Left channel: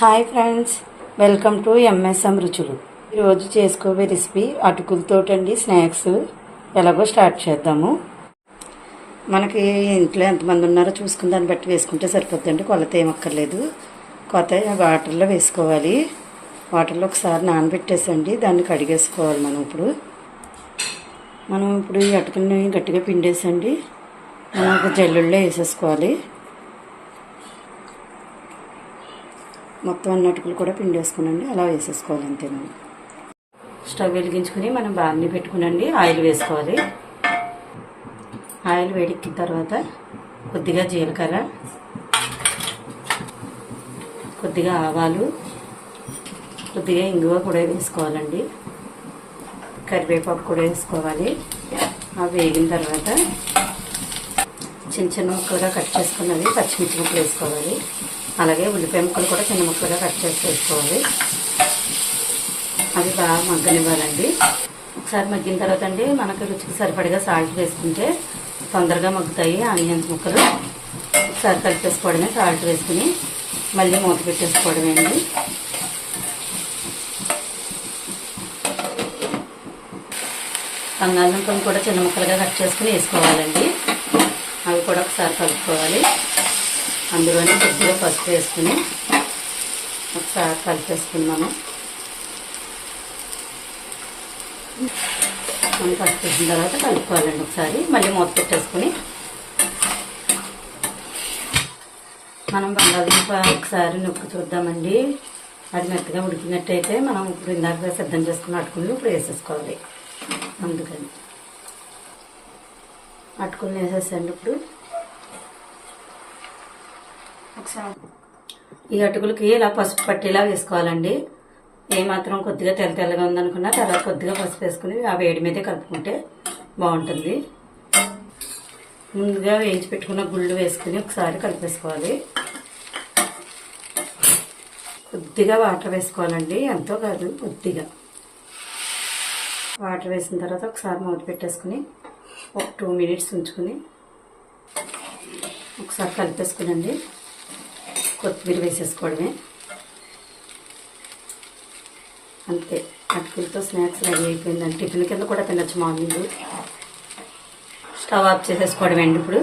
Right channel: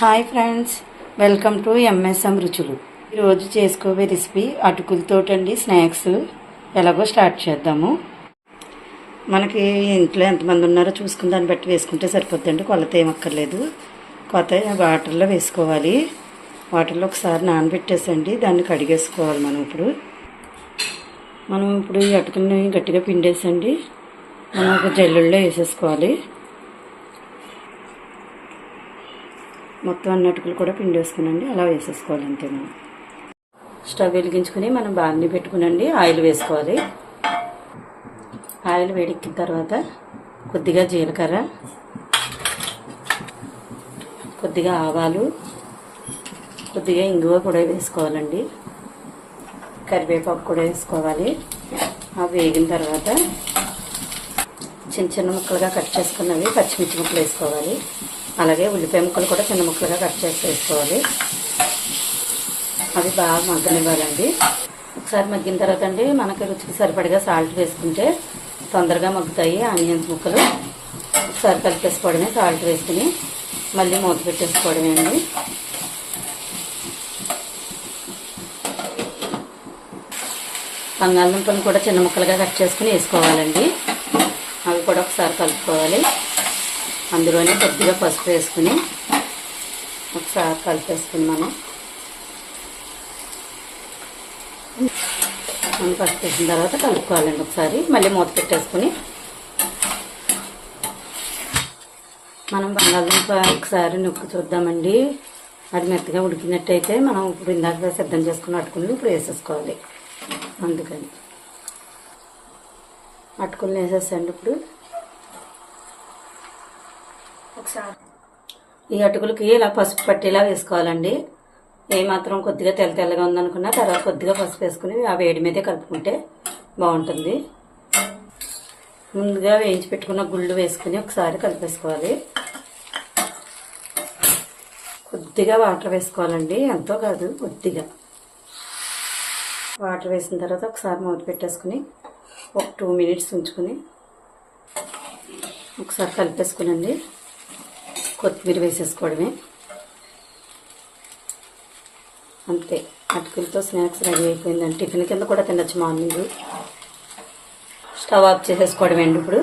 Hi friends welcome to MSM Ruchulu. ఈరోజు చేసుకోవే recipe అటుకులతోటండి స్నాక్స్. ఎలాగో స్టార్ట్ చేద్దాము. మనకి ఇంట్లో ఎంతమంది ఉన్నారో చూసుకుని దాన్ని బట్టి వేసుకుంటే సరిపోద్దండి కొలత ఏమక్కర్లేదు కొత్త వాటర్లో వేసుకోవాలి. వాటర్లో ఒకసారి నానబెట్టేసండి దాన్ని కడిగేసుకోవాలి మనం ఇప్పుడు. మనం ఇప్పుడు ఈ అటుకుల్ని గట్టిగా పిండేసండి. మనం ఒక జల్లుల్లో వేసేసుకోవాలి. మొత్తం అన్ని అటుకులు కూడా పిండి వేసుకునండి. అలా వేసేసుకోవాలి అంతే మనం. స్టవ్ వెలిగించుకుని మనం బాగానే పెట్టుకునండి. ఆయిల్ వేసుకోవాలి. ఆయిల్ వేడెక్కిన తర్వాత కొద్దిగా జీలకర్ర కొద్దిగా ఆవాలు కొద్దిగా ఇంగువ కూడా వేసుకోవాలండి. కరివేపాకు కూడా వేసుకోవాలి. అవి వేగిన తర్వాత చిన్న చిన్న ముక్కలుగా కట్ చేసుకున్నవి పచ్చిమిర్చి ముక్కలు వేసుకోవాలి. అలాగే ఉల్లిపాయ ముక్కలు కూడా చిన్న ముక్కలుగా కట్ చేసి వేసుకోవాలి అది బాగా మగ్గనివ్వాలండి. ఒకసారి మగ్గిన తర్వాత అండి మనకు రుచికి సరిపడిగా సాల్ట్ వేసుకుంటే తొందరగా మగ్గుతాయి ఆనియన్స్ ముక్కలు. ఒకసారి కలిపేసుకోవడమే సాల్ట్ వేసుకుని మళ్ళీ మూత పెట్టేసుకోవడమే అండి. బంగాళదుంపలు కూడా చిన్న ముక్కలుగా కట్ చేసుకుని వేసుకోవాలండి. అవి కూడా ఒకసారి కలుపుకోవాలి. అందులోనే కొద్దిగా పసుపు వేసుకుని ఒకసారి కలిపేసుకున్నాము మనం పసుపు వేసిన తర్వాత కలుపుకోవాలండి ఒకసారి. మళ్ళీ మూత పెట్టేసుకుని మనం బంగాళదుంప ఒకసారి నొక్కి చూద్దామండి. అది మెత్తగా ఉడికినట్టయితే మనం ఇప్పుడు ఇందాక సిద్ధం చేసుకుని అటుకుని ఇప్పుడు వేసేసుకోవాలి. అందుకని అటుకుని వేసేసండి ఇప్పుడు. ఒకసారి ఈ అటుకులకి ఇలా పసుపు పట్టేలా వేసుకోవాలండి. ఏమాత్రం మాత్రం కొద్దిగా తెల్ల తెల్లగా ఉందనుకున్నా తర్వాత కొద్దిగా పసుపు వేసుకుని ఆ వేడి మీదే కలుపుకుంటే బాగుంటుంది. ముందుగా వేయించి పెట్టుకున్న గుళ్ళు వేసుకుని ఒకసారి కలిపేసుకోవాలి. కొద్దిగా వాటర్ వేసుకోవాలండి. ఎంతో కాదు కొద్దిగా. వాటర్ వేసిన తర్వాత ఒకసారి మూత పెట్టేసుకుని ఒక టూ మినిట్స్ ఉంచుకుని ఒకసారి కలిపేసుకునండి. కొత్తిమీర వేసేసుకోవడమే. అంతే అటుకులతో స్నాక్స్ రెడీ అయిపోయిందండి. టిఫిన్ కింద కూడా తినచ్చు మార్నింగ్. స్టవ్ ఆఫ్ చేసేసుకోవడమే అండి ఇప్పుడు.